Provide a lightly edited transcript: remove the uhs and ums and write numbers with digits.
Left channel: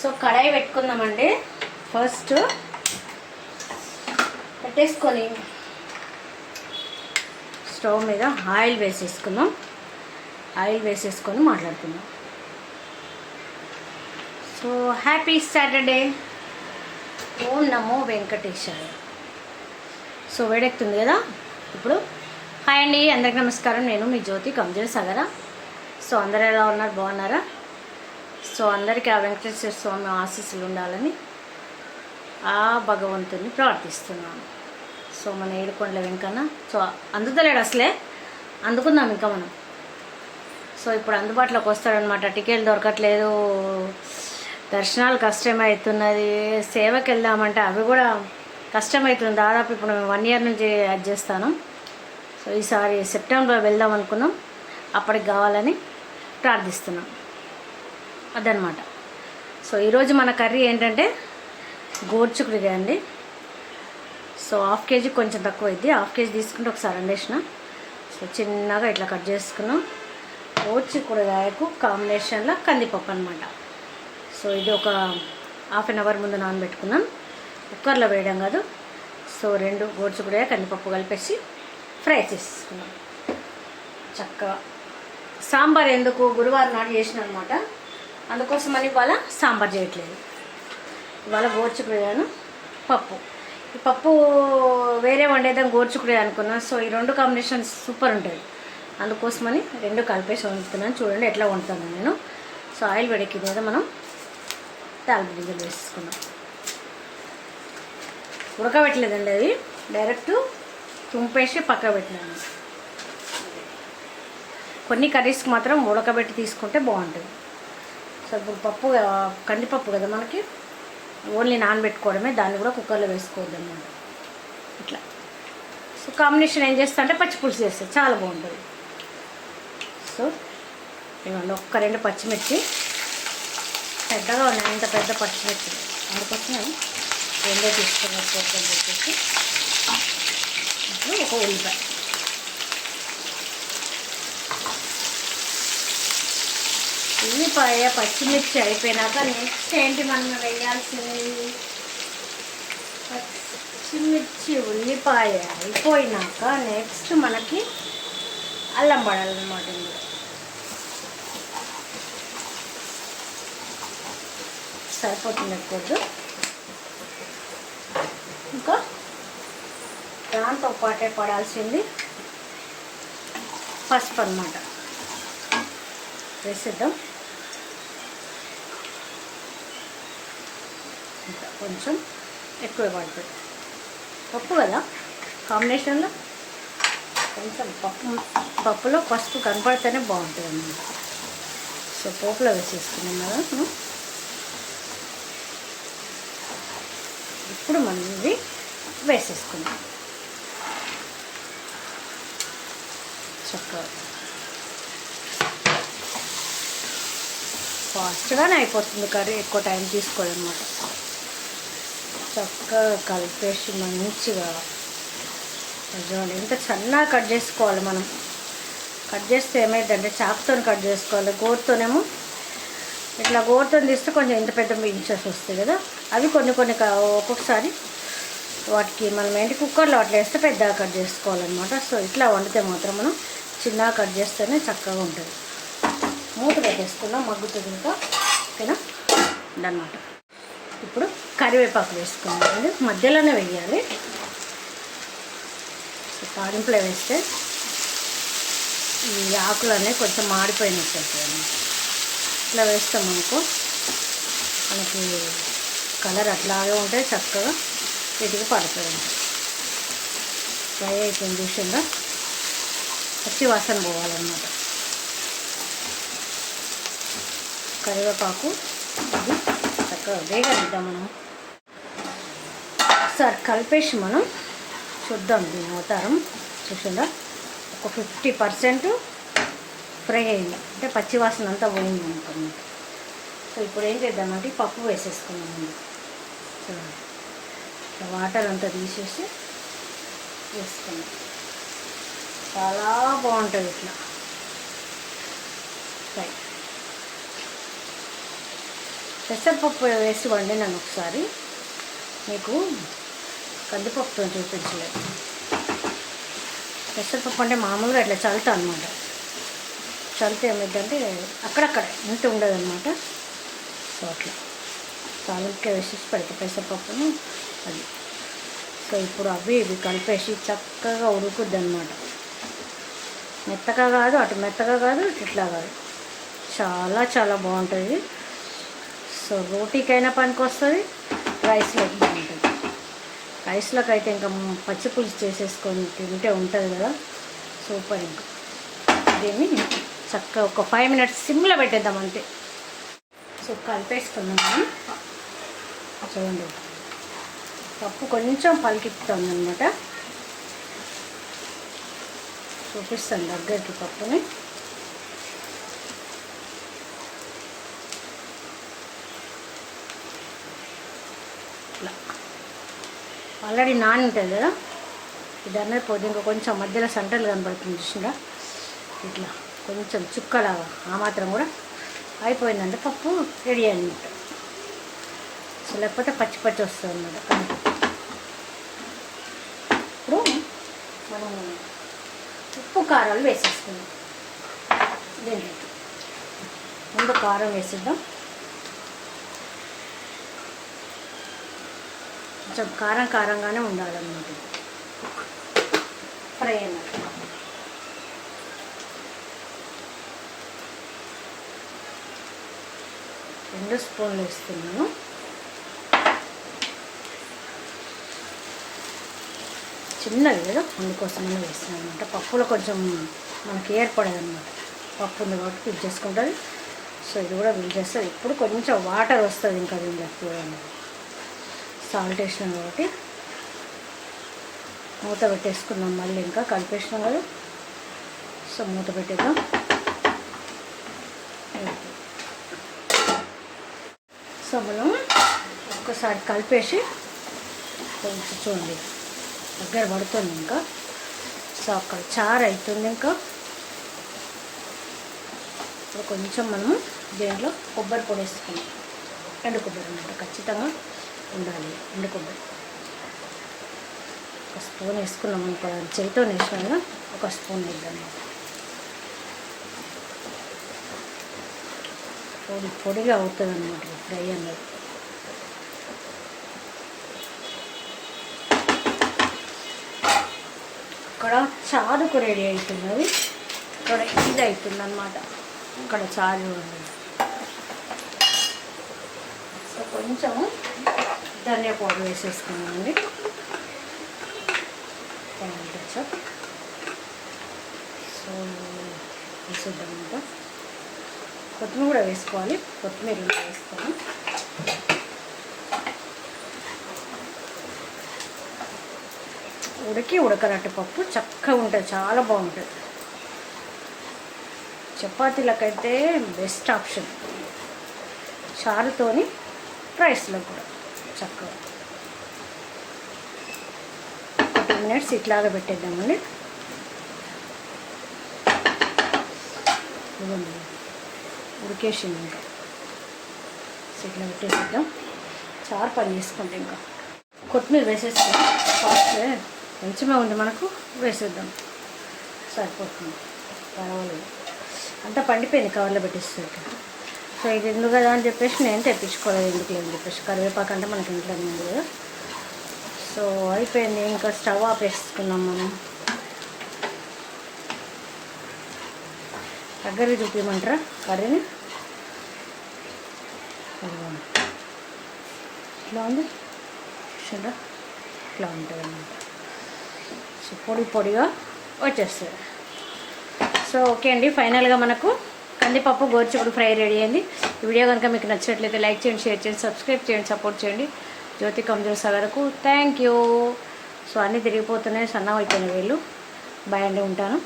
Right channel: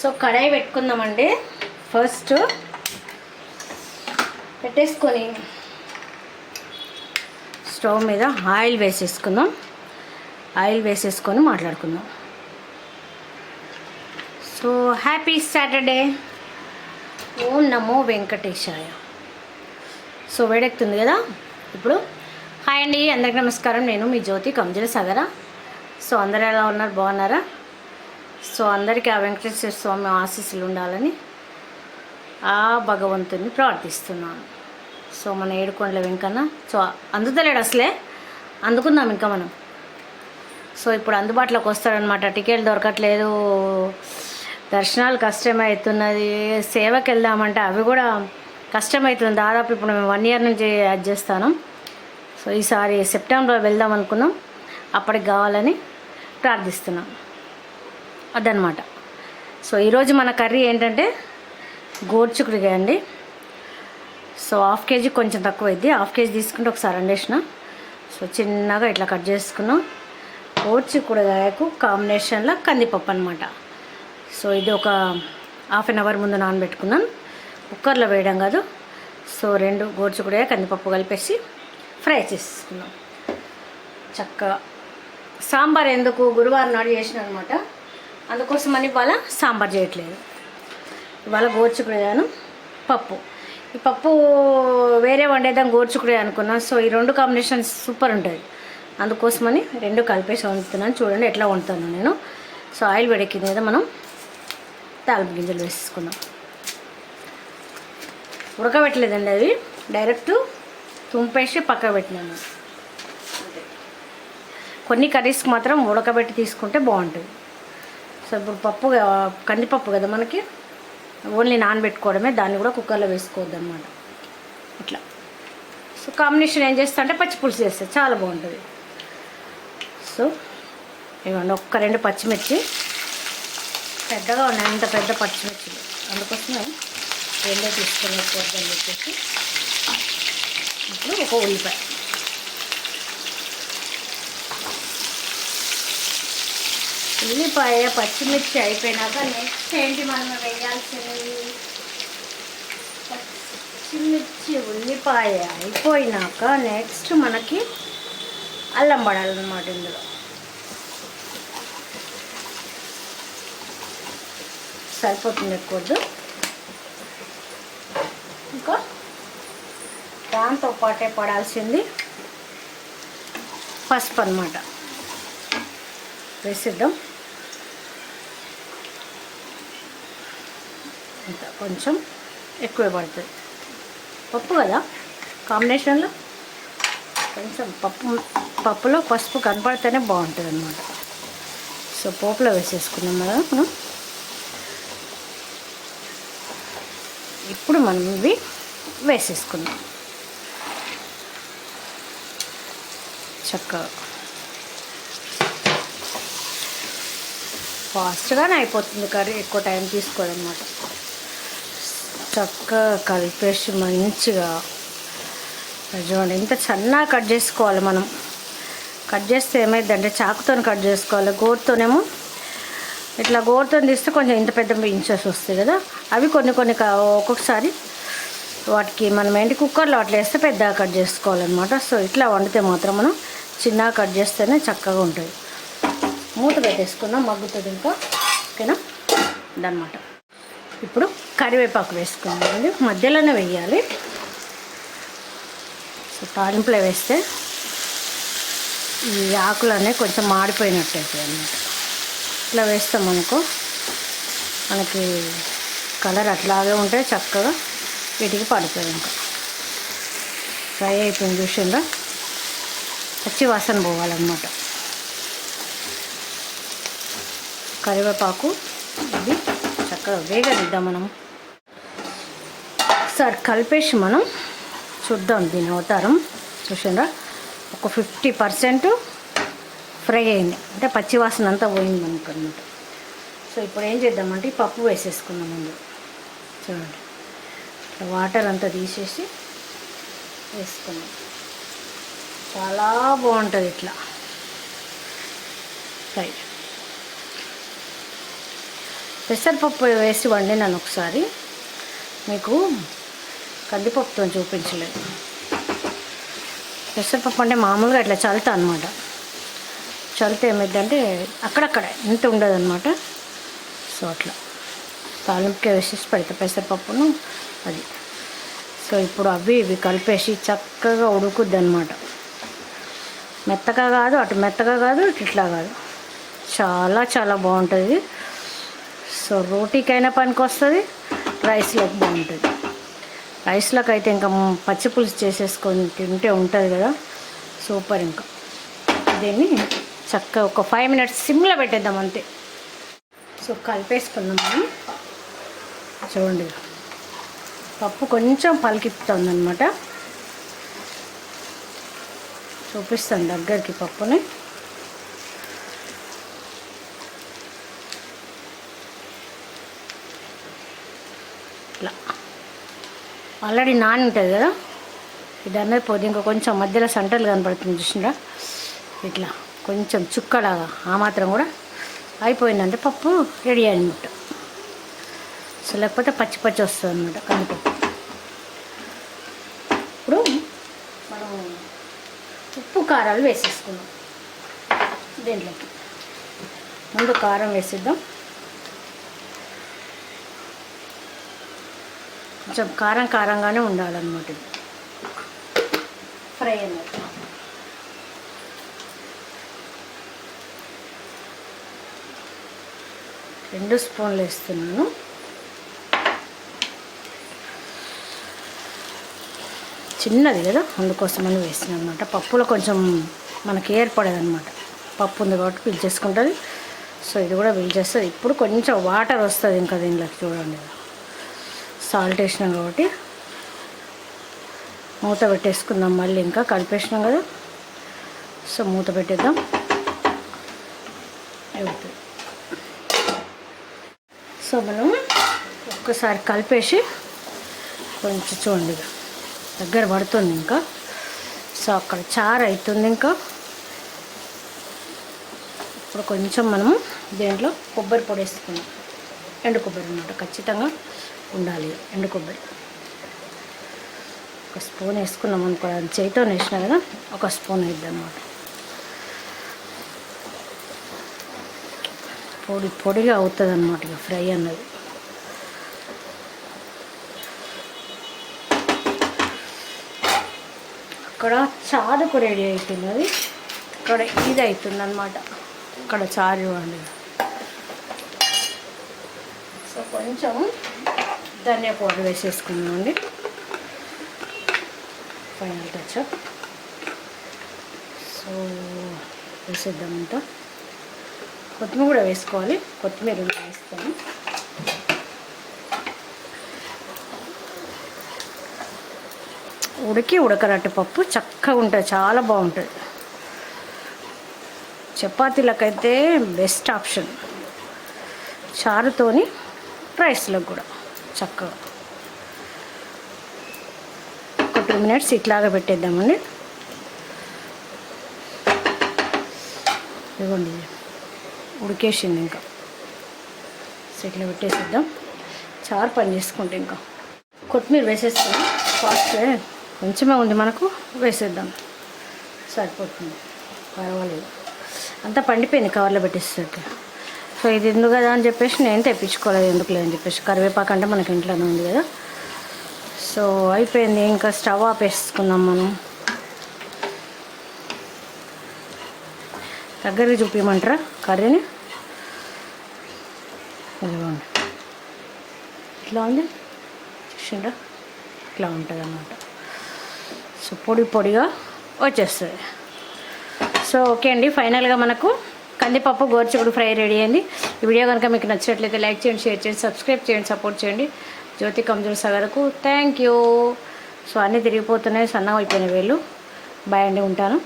So కడాయి పెట్టుకుందామండి. First పెట్టేసుకొని stove మీద ఆయిల్ వేసేసుకుందాం. ఆయిల్ వేసేసుకొని మాట్లాడుకుందాం. So happy Saturday. ఓం నమో వెంకటేశాయ. సో వేడెక్కుతుంది కదా ఇప్పుడు. హాయ్ అండి, అందరికీ నమస్కారం. నేను మీ జ్యోతి కంజల సాగర. సో అందరు ఎలా ఉన్నారు, బాగున్నారా? సో అందరికీ ఆ వెంకటేశ్వర స్వామి ఆశీస్సులు ఉండాలని ఆ భగవంతుని ప్రార్థిస్తున్నాను. సో మన ఏడుకొండల వెంకన్న సో అందుతలేడు అసలే, అందుకుందాం ఇంకా మనం. సో ఇప్పుడు అందుబాటులోకి వస్తాడనమాట. టికెట్ దొరకట్లేదు, దర్శనాలు కష్టమవుతున్నది, సేవకి వెళ్దామంటే అవి కూడా కష్టమవుతుంది. దాదాపు ఇప్పుడు మేము 1 year నుంచి అది చేస్తాను. సో ఈసారి సెప్టెంబర్లో వెళ్దాం అనుకున్నాం, అప్పటికి కావాలని ప్రార్థిస్తున్నాం. అదనమాట. సో ఈరోజు మన కర్రీ ఏంటంటే గోరుచిక్కుడుకాయ అండి. సో 1/2 kg కొంచెం తక్కువ అయింది. 1/2 kg తీసుకుంటే ఒకసారి వండేసిన. సో చిన్నగా ఇట్లా కట్ చేసుకున్నాం. గోరుచిక్కుడుకాయకు కాంబినేషన్లో కందిపప్పు అనమాట. సో ఇది ఒక 1/2 hour ముందు నానబెట్టుకున్నాం. కుక్కర్లో వేయడం కాదు. సో 2 గోరుచిక్కుడుకాయ కందిపప్పు కలిపేసి ఫ్రై చేసుకున్నాం చక్కగా. సాంబార్ ఎందుకు, గురువారం నాడు చేసిన అనమాట, అందుకోసమని ఇవాళ సాంబార్ చేయట్లేదు. ఇవాళ గోరుచిక్కుడుకాయను పప్పు. ఈ పప్పు వేరే వండేద్దాం గోరుచిక్కుడుకాయ అనుకున్నాను. సో ఈ 2 కాంబినేషన్స్ సూపర్ ఉంటుంది, అందుకోసమని 2 కలిపేసి వండుతున్నాను. చూడండి ఎట్లా వండుతాను నేను. సో ఆయిల్ వేడెక్కింది కదా, మనం తాలింపు గింజలు వేసేసుకున్నాం. ఉడకబెట్టలేదండి, అవి డైరెక్ట్ తుంపేసి పక్కన పెట్టినాను. కొన్ని కర్రీస్కి మాత్రం ఉడకబెట్టి తీసుకుంటే బాగుంటుంది. సో ఇప్పుడు పప్పు కందిపప్పు కదా మనకి, ఓన్లీ నానబెట్టుకోవడమే, దాన్ని కూడా కుక్కర్లో వేసుకోవద్దన్నమాట ఇట్లా. సో కాంబినేషన్ ఏం చేస్తా అంటే పచ్చిపులుసు చేస్తుంది, చాలా బాగుంటుంది. సో ఇవ్వండి, 1-2 పచ్చిమిర్చి పెద్దగా ఉన్నాయి, అంత పెద్ద పచ్చిమిర్చి, అందుకోసమే 2 తీసుకుని వద్దని చెప్పేసి. ఇప్పుడు 1 ఉల్లిపాయ, ఉల్లిపాయ పచ్చిమిర్చి అయిపోయినాక నెక్స్ట్ ఏంటి మనం వేయాల్సినవి, పచ్చిమిర్చి ఉల్లిపాయ అయిపోయినాక నెక్స్ట్ మనకి అల్లం పడాలన్నమాట. ఇందులో సరిపోతుంది, ఎక్కువద్దు. ఇంకా దాంతో పాటే పడాల్సింది పసుపు అన్నమాట. వేసిద్దాం. కొంచెం ఎక్కువే పడుతుంది, పప్పు కదా కాంబినేషన్లో. కొంచెం పప్పులో పసుపు కనపడితేనే బాగుంటుంది అన్నమాట. సో పోపులో వేసేసుకున్నాం కదా మనం. ఇప్పుడు మనం ఇవి వేసేసుకున్నాం చక్కగా. ఫాస్ట్గానే అయిపోతుంది కర్రీ, ఎక్కువ టైం తీసుకోవాలన్నమాట. చక్కగా కలిపేసి మంచిగా చూడండి, ఎంత సన్నగా కట్ చేసుకోవాలి మనం. కట్ చేస్తే ఏమైందంటే చాకుతో కట్ చేసుకోవాలి, గోరుతోనేమో ఇట్లా గోరుతో తీస్తే కొంచెం ఇంత పెద్ద ఇంచెస్ వస్తాయి కదా, అవి కొన్ని ఒక్కొక్కసారి వాటికి మనం ఏంటి కుక్కర్లో అట్లా వేస్తే పెద్దగా కట్ చేసుకోవాలన్నమాట. సో ఇట్లా వండితే మాత్రం మనం చిన్నగా కట్ చేస్తేనే చక్కగా ఉంటుంది. మూత పెట్టేసుకుందాం, మగ్గుతుంది ఇంకా. ఓకేనా, అదనమాట. ఇప్పుడు కరివేపాకు వేసుకుందాం, అది మధ్యలోనే వేయాలి. సో తాలింపులో వేస్తే ఈ ఆకులనే కొంచెం మాడిపోయినట్టు అవుతాయి అన్నమాట. ఇట్లా వేస్తామనుకో మనకి కలర్ అట్లాగే ఉంటే చక్కగా వీటికి పడుతుంది. ఫ్రై అయిపోయింది చూసిందా, పచ్చి వాసన పోవాలన్నమాట. కరివేపాకు ఇది చక్కగా వేగనిద్దాం మనం. ఒకసారి కలిపేసి మనం చూద్దాం దీని అవతారం. చూసిందా, ఒక 50% ఫ్రై అయింది, అంటే పచ్చి వాసన అంతా పోయింది అనుకోండి. సో ఇప్పుడు ఏం చేద్దామంటే పప్పు వేసేసుకున్నాం ముందు. చూడండి, వాటర్ అంతా తీసేసి వేసుకున్నాం. చాలా బాగుంటుంది ఇట్లా ఫ్రై. పెసరపప్పు వేసి వండినాను ఒకసారి, మీకు కందిపప్పుతో చూపించలేదు. పెసరపప్పు అంటే మామూలుగా ఇట్లా చల్లుతా అనమాట. చల్లితే ఏమైందంటే అక్కడక్కడ ఇంత ఉండదు అనమాట. సో అట్లా తాలింపుకే వేసేసి పెడతా పెసరపప్పును అది. సో ఇప్పుడు అవి ఇవి కలిపేసి చక్కగా ఉడుకుద్ది అనమాట. మెత్తగా కాదు, అటు మెత్తగా కాదు, ఇట్లా కాదు, చాలా చాలా బాగుంటుంది. సో రోటీకైనా పనికి వస్తుంది, రైస్లోకి బాగుంటుంది. రైస్లోకి అయితే ఇంకా పచ్చి పులుసు చేసేసుకొని తింటే ఉంటుంది కదా, సూపర్. ఇంకా దీన్ని చక్కగా ఒక 5 minutes సిమ్లో పెట్టేద్దాం అంతే. సో కలిపేసుకుందాం మనం. చూడండి, పప్పు కొంచెం పలికిస్తుంది అనమాట. చూపిస్తాను దగ్గరికి పప్పుని. ఇట్లా ఆల్రెడీ నాని ఉంటుంది కదా, ఇది అన్నది పోతే ఇంకా కొంచెం మధ్యలో సంటలు కనబడుతుంది చూసిందా, ఇట్లా కొంచెం చుక్కలాగా ఆ మాత్రం కూడా అయిపోయిందంటే పప్పు రెడీ అయినట్టు. సో లేకపోతే పచ్చి పచ్చి వస్తుంది అన్నమాట కందిపప్పు. ఇప్పుడు మనం ఉప్పు కారాలు వేసేసుకుందాం. దీంట్లోకి ముందు కారం వేసేద్దాం. కొంచెం కారం కారంగానే ఉండాలన్నమాట ఇది ఫ్రై అన్నమాట. 2 స్పూన్లు వేస్తున్నాను. చిన్నది కదా, అందుకోసమని వేస్తున్నాను అనమాట. పప్పులో కొంచెం మనకి ఏర్పడేది అనమాట. పప్పు ఉంది కాబట్టి పిలిచేసుకుంటుంది. సో ఇది కూడా పిలిచేస్తుంది. ఇప్పుడు కొంచెం వాటర్ వస్తుంది ఇంకా దీనిలోకి. చూడండి, సాల్ట్ వేసినాం కాబట్టి మూత పెట్టేసుకుందాం. మళ్ళీ ఇంకా కలిపేసినాం కదా, సో మూత పెట్టేద్దాం. సో మనం ఒక్కసారి కలిపేసి కొంచెం చూడండి దగ్గర పడుతుంది ఇంకా. సో అక్కడ చారు అవుతుంది ఇంకా. ఇప్పుడు కొంచెం మనము దీంట్లో కొబ్బరి పొడి వేసుకున్నాం. ఎండు కొబ్బరి అన్నమాట, ఖచ్చితంగా ఉండాలి ఎండు కొబ్బరి. 1 స్పూన్ వేసుకున్నాం అనుకో, చేతితో వేసినా కదా, 1 స్పూన్ అయిద్ది అన్నమాట. పొడి పొడిగా అవుతుంది అన్నమాట ఇక ఫ్రై అన్నది. అక్కడ చారుకు రెడీ అవుతున్నది, ఇక్కడ ఇది అవుతుంది అనమాట. ఇక్కడ చారు అండి. సో కొంచెం ధనియా పౌడర్ వేసేసుకున్నామండి, ఫైనల్ టచ్. సో వేసేద్దామంట. కొత్తిమీర కూడా వేసుకోవాలి, కొత్తిమీర వేస్తాను. ఉడకరట్టు పప్పు చక్కగా ఉంటుంది, చాలా బాగుంటుంది. చపాతీలకైతే బెస్ట్ ఆప్షన్, చారుతోని రైస్లో కూడా చక్కగా. ఒక 2 minutes ఇట్లాగా పెట్టేద్దామండి. ఇవ్వండి, ఉడికేసింది ఇంకా. సో ఇట్లా పెట్టేసేద్దాం. చారు పని చేసుకుంటే ఇంకా కొత్తిమీర వేసేస్తాం. ఫాస్ట్ కొంచెమే ఉంది మనకు, వేసేద్దాం, సరిపోతుంది, పర్వాలేదు. అంతా పండిపోయింది కవర్లో పెట్టేసరికి. సో ఇది ఎందుకు కదా అని చెప్పేసి నేను తెప్పించుకోలేదు, ఎందుకు లేదని చెప్పేసి. కరివేపాకు అంటే మనకి ఇంట్లోనే ఉంది కదా. సో అయిపోయింది, ఇంకా స్టవ్ ఆపేసుకుందాం మనం. దగ్గరికి చూపించమంటారా కర్రీని? ఇట్లా ఉంది చూసిండా, ఇట్లా ఉంటుంది అన్నమాట. సో పొడి పొడిగా వచ్చేస్తుంది. సో ఓకే అండి, ఫైనల్గా మనకు కందిపప్పు గోరుచిక్కుడు ఫ్రై రెడీ అయింది. ఈ వీడియో కనుక మీకు నచ్చినట్లయితే లైక్ చేయండి, షేర్ చేయండి, సబ్స్క్రైబ్ చేయండి, సపోర్ట్ చేయండి. జ్యోతి కమ్జల్ సాగర్కు థ్యాంక్ యూ. సో అన్నీ తిరిగిపోతున్నాయి, సన్నగా అయిపోయిన వేళ్ళు. బాయ్ అండి, ఉంటాను.